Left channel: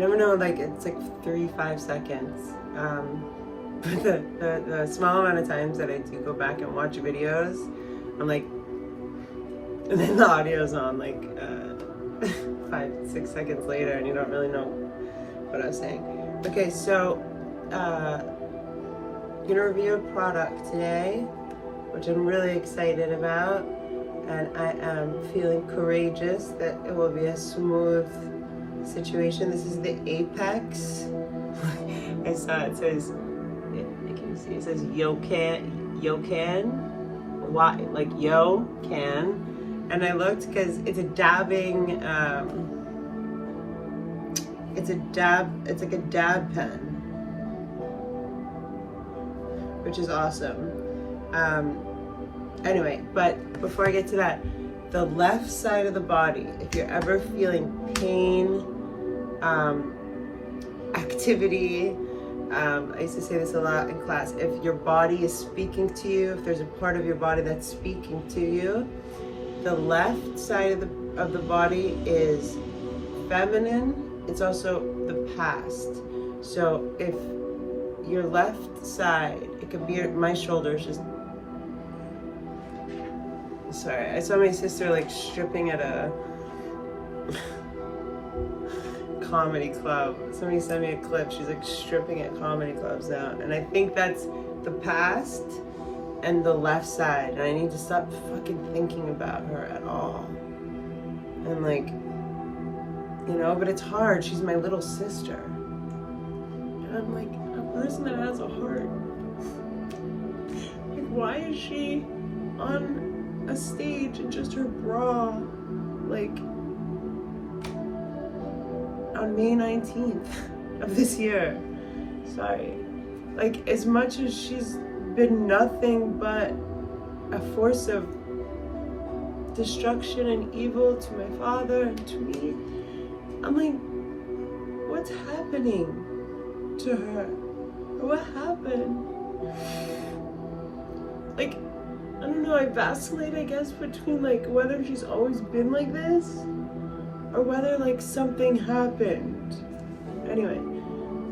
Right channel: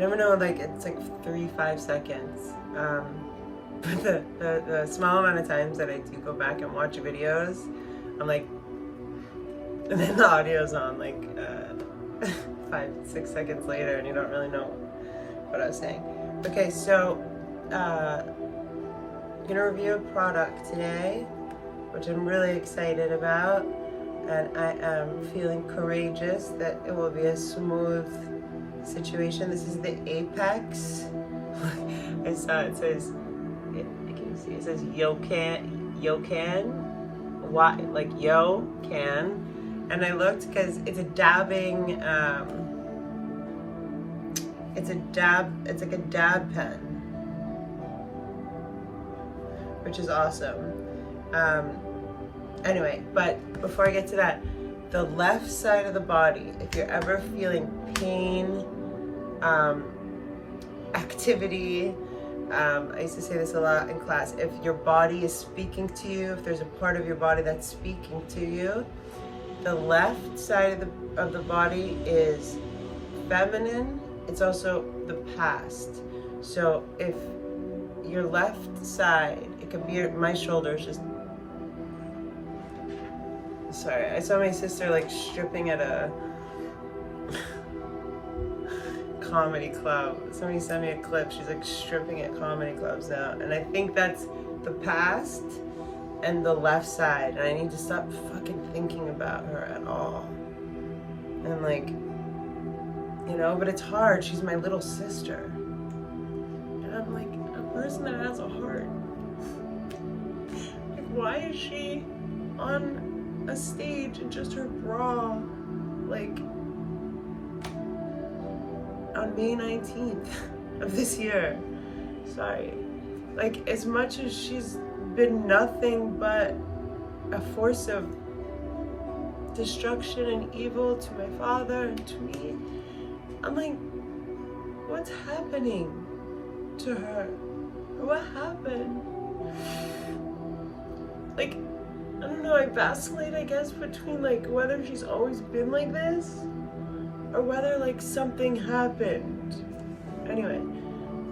never know, like, it's like 5 seconds. But the small amount of times that I do go back and watch videos, I'm like, and then the audio's on like 5-6 seconds later, and you don't really know what I was saying. Okay, so I'm gonna review a product today, which I'm really excited about, and I am feeling courageous that it will be a smooth situation. This is the Apex. I saw it says, can you see? It says Yocan, like yo can, and I looked because it's a dabbing. It's like a dab pen, which is awesome. Anyway, but before I get to that, the left side of the body, if you're ever feeling pain, activity, I used to say this a lot in class, if your body is speaking to you, if there's a part of your body that's speaking to you, the left side of the body is feminine. It's also the past. So if your left side, it could be my shoulders, just, sorry, I saw my sister like stripping at a comedy club. Somebody sent me a clip. She's like stripping at comedy clubs now, and I think that's the past and the left side, and I need to stop fucking thinking about her at all. And like, you know, but it's hard. She's my little sister, and I'm like a person that has a heart. Like, why is she on a stage in just her bra, like on May 19th of this year? Sorry. Like, as much as she's been nothing but a force of destruction and evil to my father and to me, I'm like, what's happening to her? What happened? Like, I don't know, I vacillate, I guess, between like whether she's always been like this or whether like something happened. Anyway,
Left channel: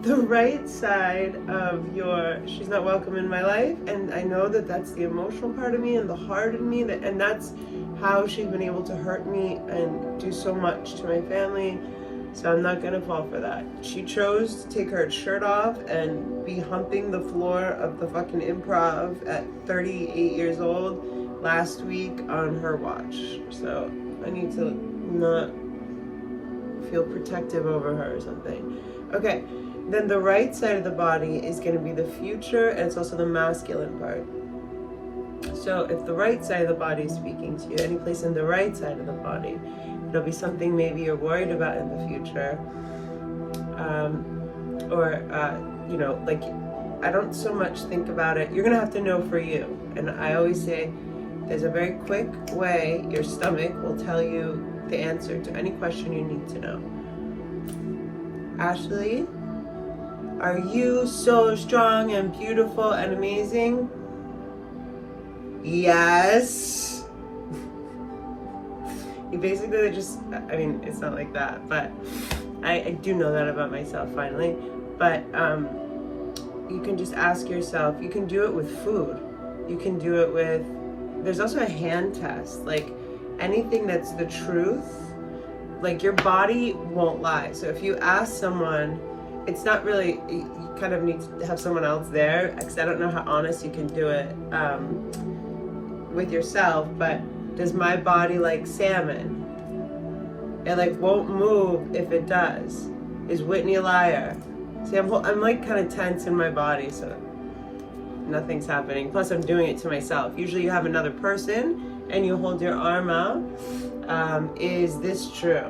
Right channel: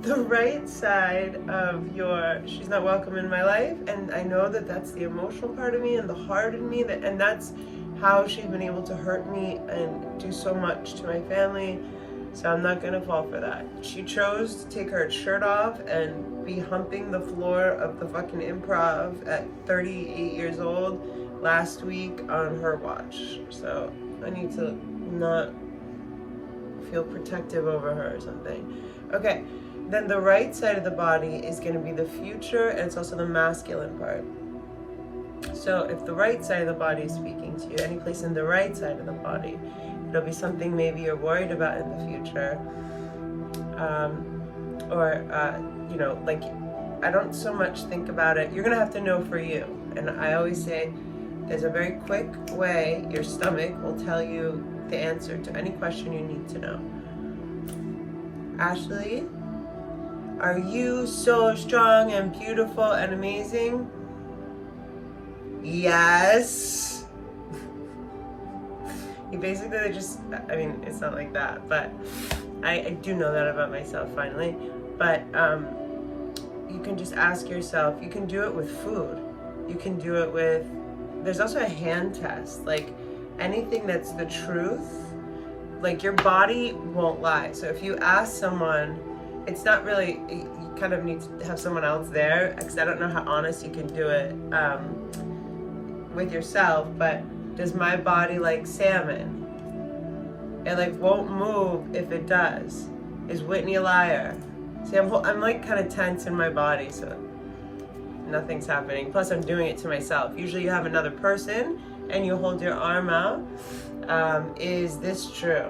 the right side of your she's not welcome in my life, and I know that that's the emotional part of me and the heart in me, and that's how she's been able to hurt me and do so much to my family. So I'm not gonna fall for that. She chose to take her shirt off and be humping the floor of the fucking improv at 38 years old last week on her watch. So I need to not feel protective over her or something. Okay, then the right side of the body is gonna be the future, and it's also the masculine part. So if the right side of the body is speaking to you, any place in the right side of the body, it'll be something maybe you're worried about in the future. You know, like, I don't so much think about it. You're gonna have to know for you. And I always say, there's a very quick way your stomach will tell you the answer to any question you need to know. Ashley, are you so strong and beautiful and amazing? Yes. You basically just, I mean, it's not like that, but I do know that about myself finally. But you can just ask yourself, you can do it with food. You can do it with, there's also a hand test. Like, anything that's the truth, like, your body won't lie. So if you ask someone, it's not really, you kind of need to have someone else there, because I don't know how honest you can do it with yourself, but does my body like salmon? It like won't move if it does. Is Whitney a liar? See, I'm like kind of tense in my body, so nothing's happening. Plus I'm doing it to myself. Usually you have another person and you hold your arm out. Is this true?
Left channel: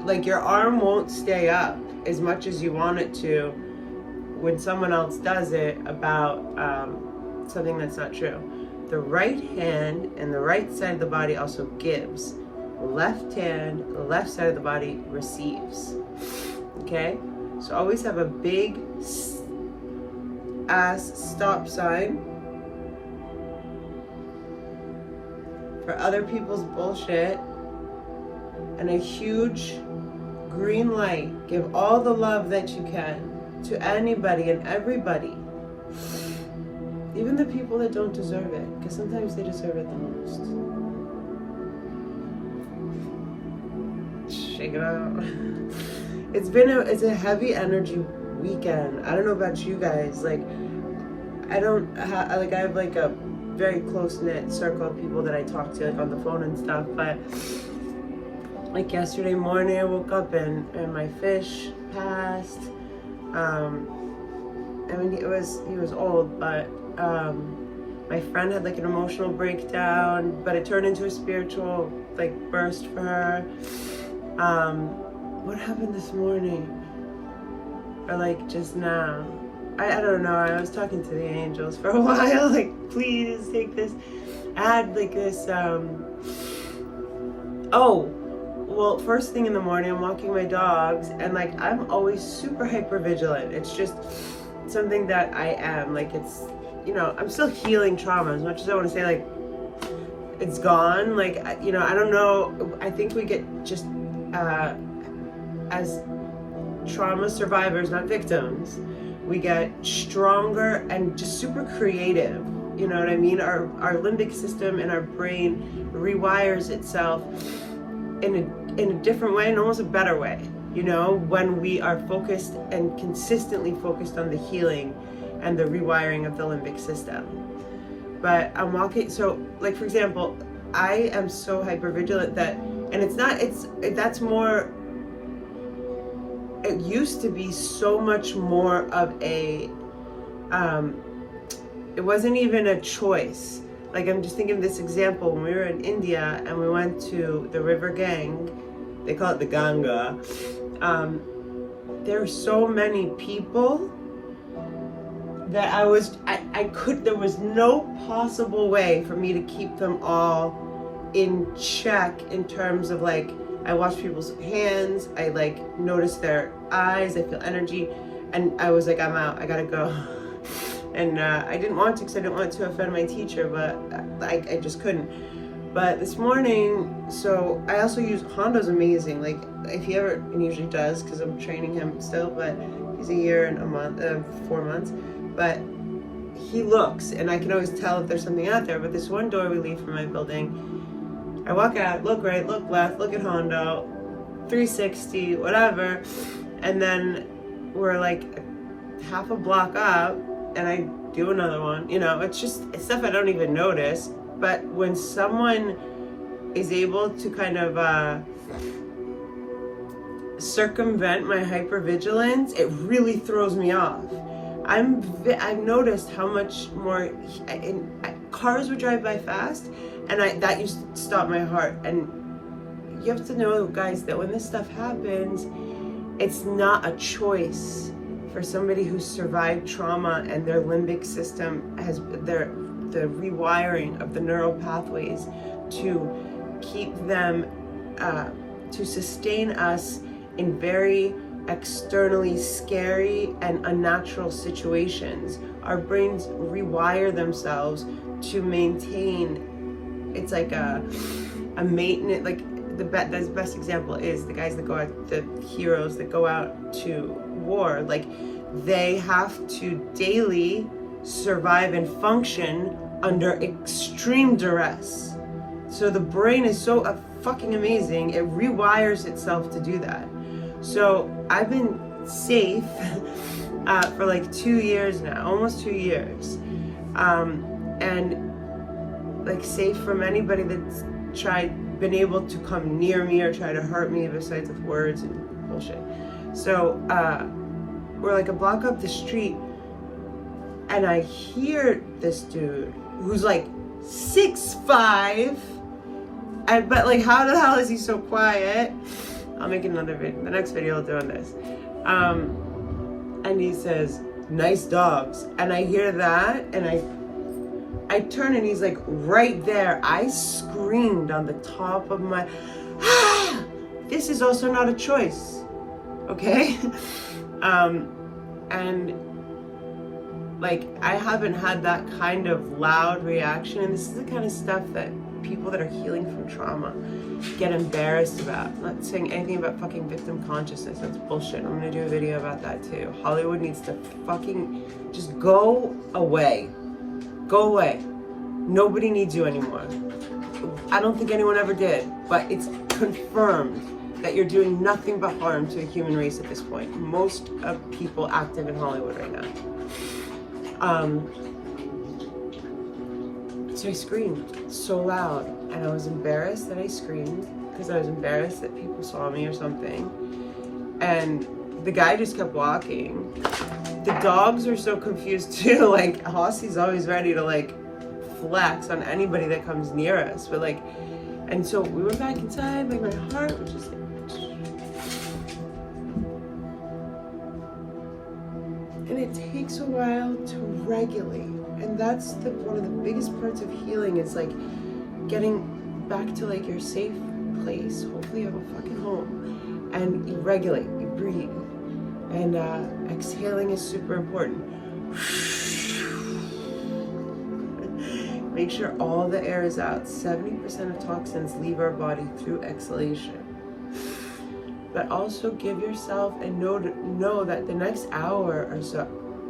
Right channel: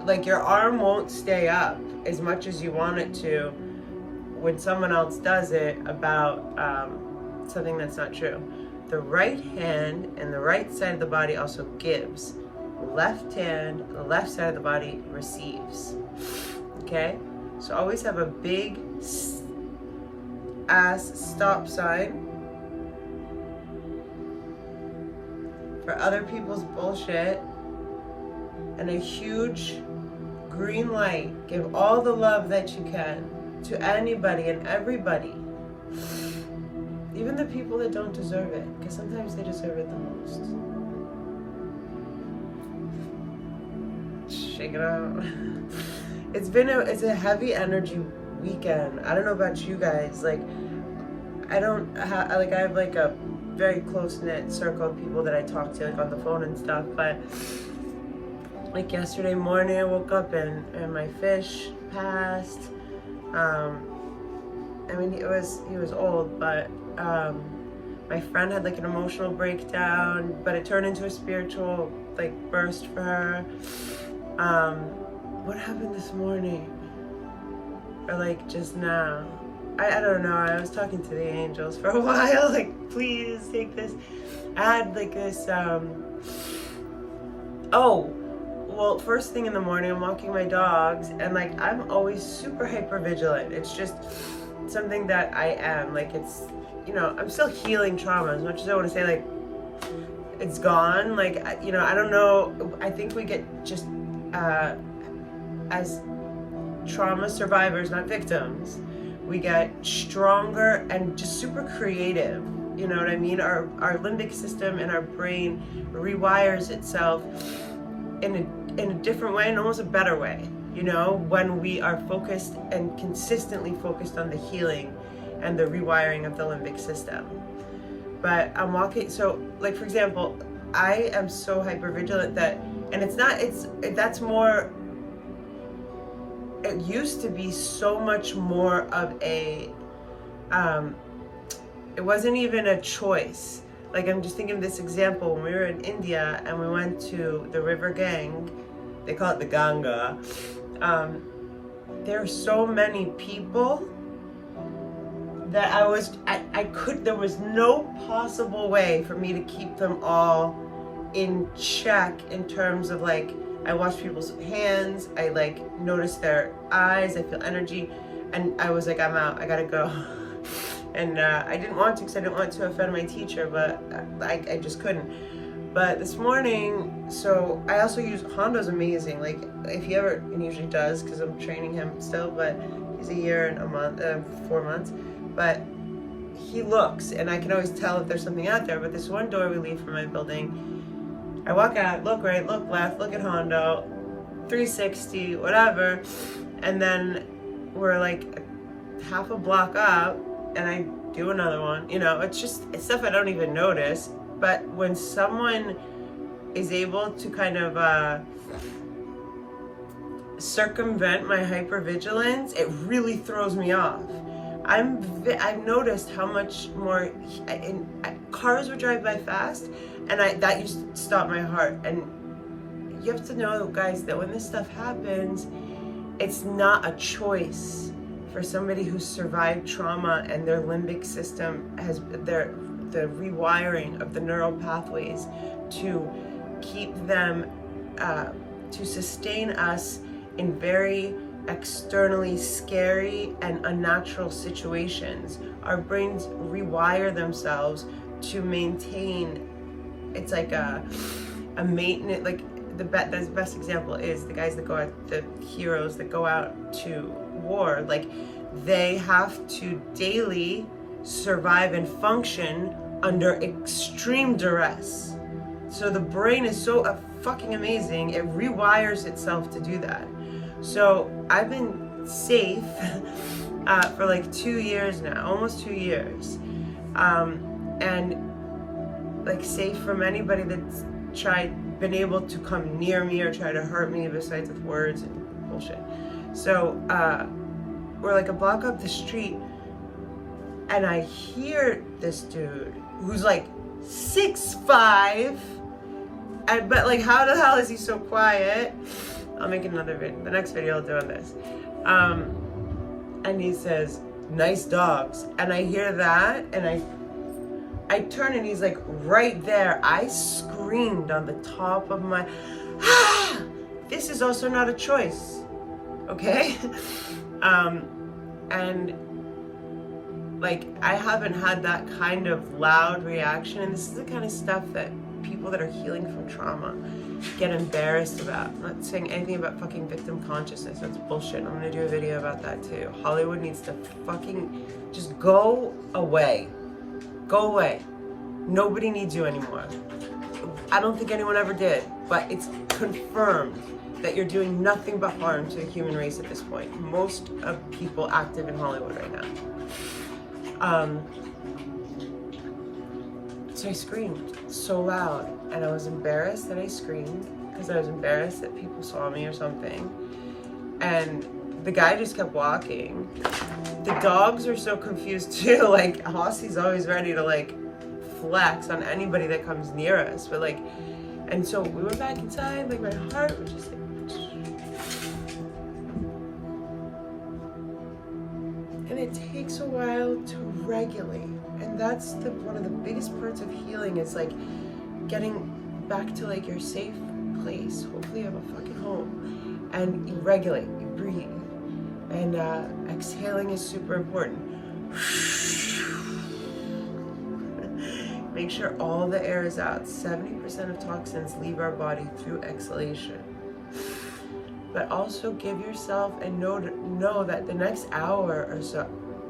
Like, your arm won't stay up as much as you want it to when someone else does it about something that's not true. The right hand and the right side of the body also gives. Left hand, the left side of the body receives. Okay? So always have a big ass stop sign for other people's bullshit, and a huge green light. Give all the love that you can to anybody and everybody. Even the people that don't deserve it, because sometimes they deserve it the most. Shake it out. It's a heavy energy weekend. I don't know about you guys. Like, I have like a very close-knit circle of people that I talk to, like on the phone and stuff, but like yesterday morning I woke up and my fish passed. I mean, he was old, but my friend had like an emotional breakdown, but it turned into a spiritual like burst for her. What happened this morning? Or like just now? I don't know. I was talking to the angels for a while, like, please take this. I had like this, oh, well, first thing in the morning, I'm walking my dogs, and like, I'm always super hyper vigilant. It's just something that I am. Like, it's, you know, I'm still healing trauma, as much as I want to say, like, it's gone. Like, you know, I don't know. I think we get just, as trauma survivors, not victims, we get stronger and just super creative. You know what I mean? Our limbic system and our brain rewires itself in a different way, and almost a better way, you know, when we are focused and consistently focused on the healing and the rewiring of the limbic system. But I'm walking, so like, for example, I am so hypervigilant that, and that's more, it used to be so much more of a, it wasn't even a choice. Like, I'm just thinking of this example, when we were in India and we went to the river Gang, they call it the Ganga, there are so many people that there was no possible way for me to keep them all in check, in terms of like, I watch people's hands, I like notice their eyes, I feel energy, and I was like, I'm out, I gotta go. And I didn't want to, because I didn't want to offend my teacher, but I just couldn't. But this morning, so I also use, Hondo's amazing, like if he ever, and he usually does, because I'm training him still, but he's a year and a month, 4 months, but he looks, and I can always tell if there's something out there. But this one door we leave from my building, I walk out, look right, look left, look at Hondo, 360, whatever, and then we're like half a block up, and I do another one. You know, it's stuff I don't even notice. But when someone is able to kind of circumvent my hypervigilance, it really throws me off. I've noticed how much more cars would drive by fast, and that used to stop my heart. And you have to know, guys, that when this stuff happens, it's not a choice for somebody who's survived trauma and their limbic system has the rewiring of the neural pathways to keep them to sustain us in very externally scary and unnatural situations. Our brains rewire themselves to maintain. It's like a maintenance, like the best example is the guys that go out, the heroes that go out to war, like they have to daily survive and function under extreme duress. So the brain is so fucking amazing, it rewires itself to do that. So I've been safe for like 2 years now, almost 2 years, and like safe from anybody that's been able to come near me or try to hurt me, besides with words and bullshit. So we're like a block up the street, and I hear this dude who's like 6'5", but like, how the hell is he so quiet? I'll make another video, the next video I'll do on this. And he says, "Nice dogs." And I hear that, and I turn, and he's like right there. I screamed on the top of my, this is also not a choice, okay? And like, I haven't had that kind of loud reaction, and this is the kind of stuff that people that are healing from trauma get embarrassed about. I'm not saying anything about fucking victim consciousness. That's bullshit. I'm gonna do a video about that too. Hollywood needs to fucking just go away. Go away. Nobody needs you anymore. I don't think anyone ever did, but it's confirmed that you're doing nothing but harm to the human race at this point. Most of people active in Hollywood right now. So I screamed so loud, and I was embarrassed that I screamed because I was embarrassed that people saw me or something. And the guy just kept walking. The dogs are so confused too. Like, Hossie's always ready to like flex on anybody that comes near us, but like, and so we went back inside. Like, my heart was just like, and it takes a while to regulate. And that's one of the biggest parts of healing, is like getting back to like your safe place. Hopefully you have a fucking home, and you regulate, you breathe, and exhaling is super important. Make sure all the air is out. 70% of toxins leave our body through exhalation. But also give yourself and know that the next hour or so,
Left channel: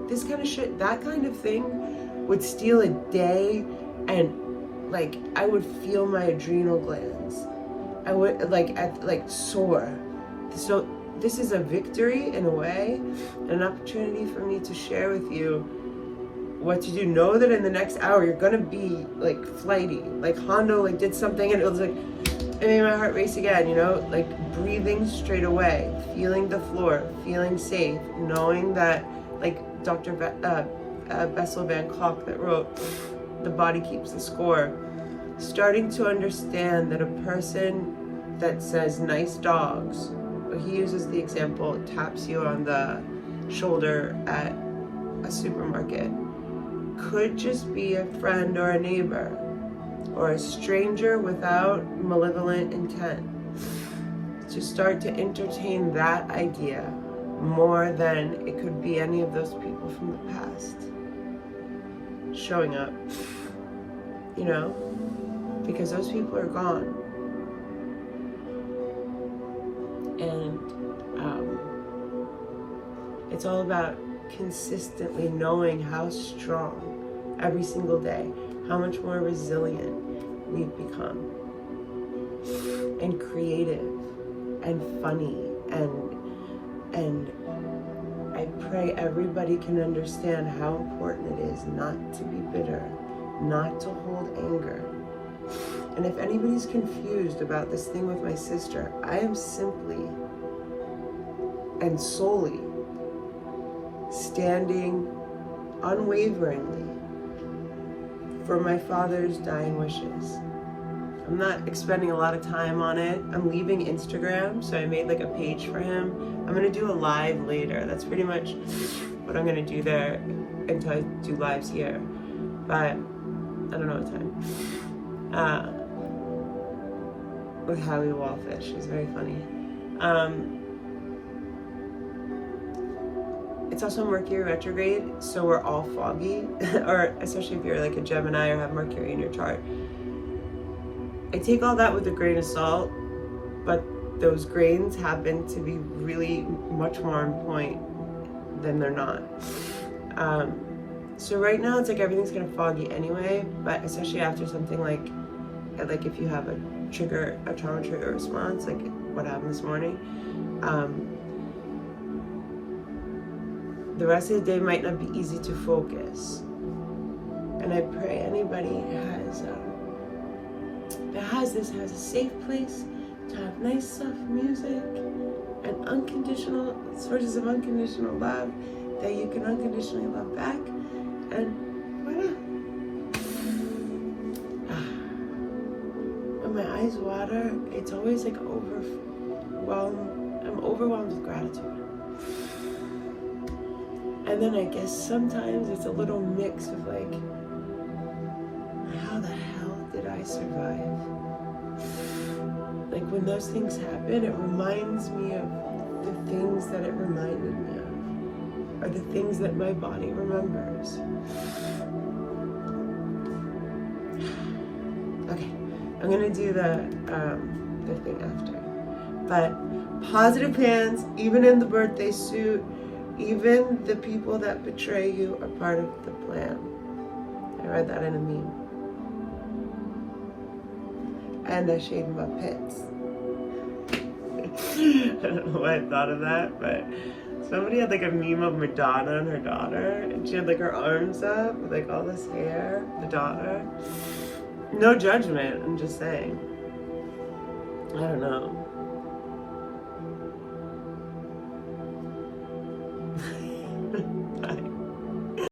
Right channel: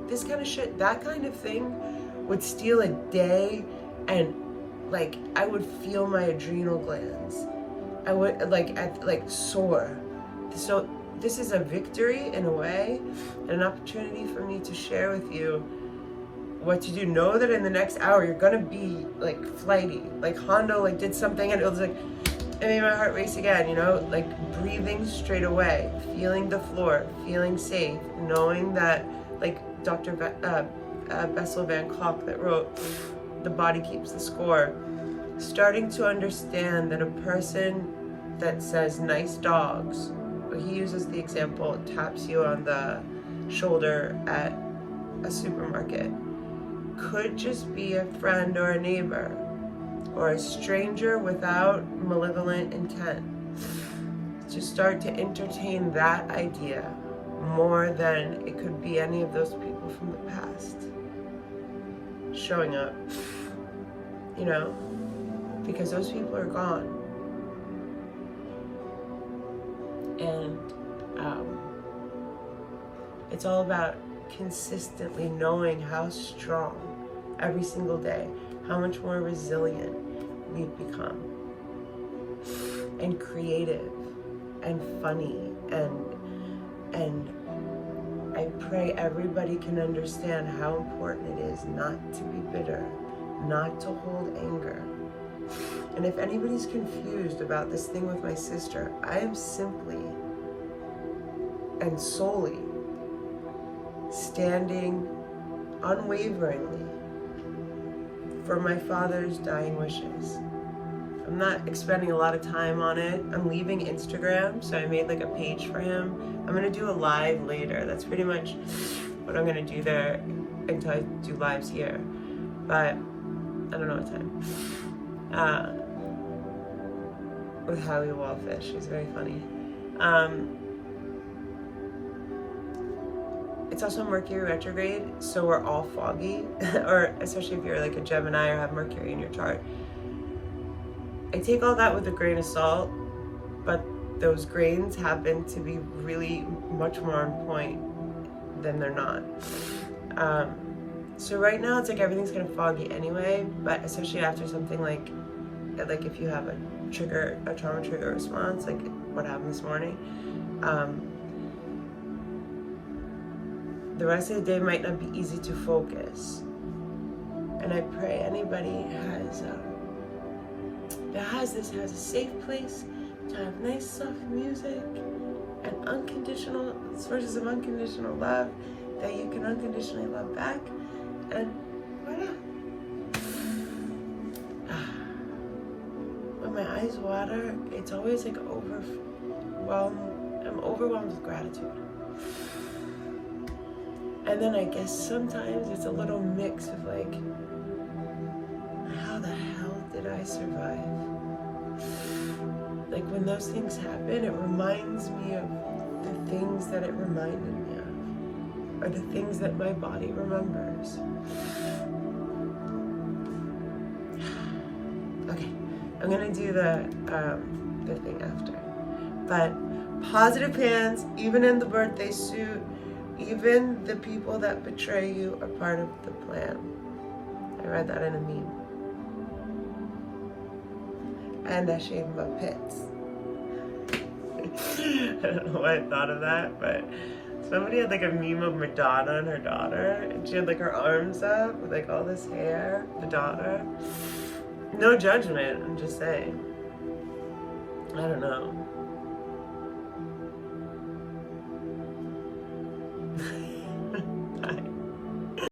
this kind of shit, that kind of thing would steal a day, and like I would feel my adrenal glands. I would like soar. So this is a victory in a way, an opportunity for me to share with you what to do. Know that in the next hour you're gonna be like flighty. Like Hondo like did something and it was like, it made my heart race again, you know? Like breathing straight away, feeling the floor, feeling safe, knowing that, like Dr. Bessel van Kolk that wrote The Body Keeps the Score, starting to understand that a person that says nice dogs, he uses the example, taps you on the shoulder at a supermarket, could just be a friend or a neighbor or a stranger without malevolent intent. To start to entertain that idea more than it could be any of those people from the past showing up, you know, because those people are gone. And it's all about consistently knowing how strong every single day, how much more resilient we've become, and creative and funny, and I pray everybody can understand how important it is not to be bitter, not to hold anger. And if anybody's confused about this thing with my sister, I am simply and solely standing unwaveringly for my father's dying wishes. I'm not expending a lot of time on it. I'm leaving Instagram, so I made like a page for him. I'm gonna do a live later. That's pretty much what I'm gonna do there until I do lives here. But I don't know what time. With Howie Wallfish, she's very funny. It's also Mercury retrograde, so we're all foggy, or especially if you're like a Gemini or have Mercury in your chart. I take all that with a grain of salt, but those grains happen to be really much more on point than they're not. So right now it's like everything's kind of foggy anyway, but especially after something like if you have a trauma trigger response, like what happened this morning, the rest of the day might not be easy to focus. And I pray anybody has a safe place to have nice soft music and unconditional sources of unconditional love that you can unconditionally love back, and voila. When my eyes water, it's always like overwhelmed. I'm overwhelmed with gratitude. And then I guess sometimes it's a little mix of like, how the hell did I survive? Like when those things happen, it reminds me of the things that it reminded me of, or the things that my body remembers. Okay, I'm gonna do the thing after. But positive hands, even in the birthday suit, even the people that betray you are part of the plan. I read that in a meme. And I shaved my pits. I don't know why I thought of that, but somebody had like a meme of Madonna and her daughter, and she had like her arms up with like all this hair, the daughter. No judgment, I'm just saying. I don't know.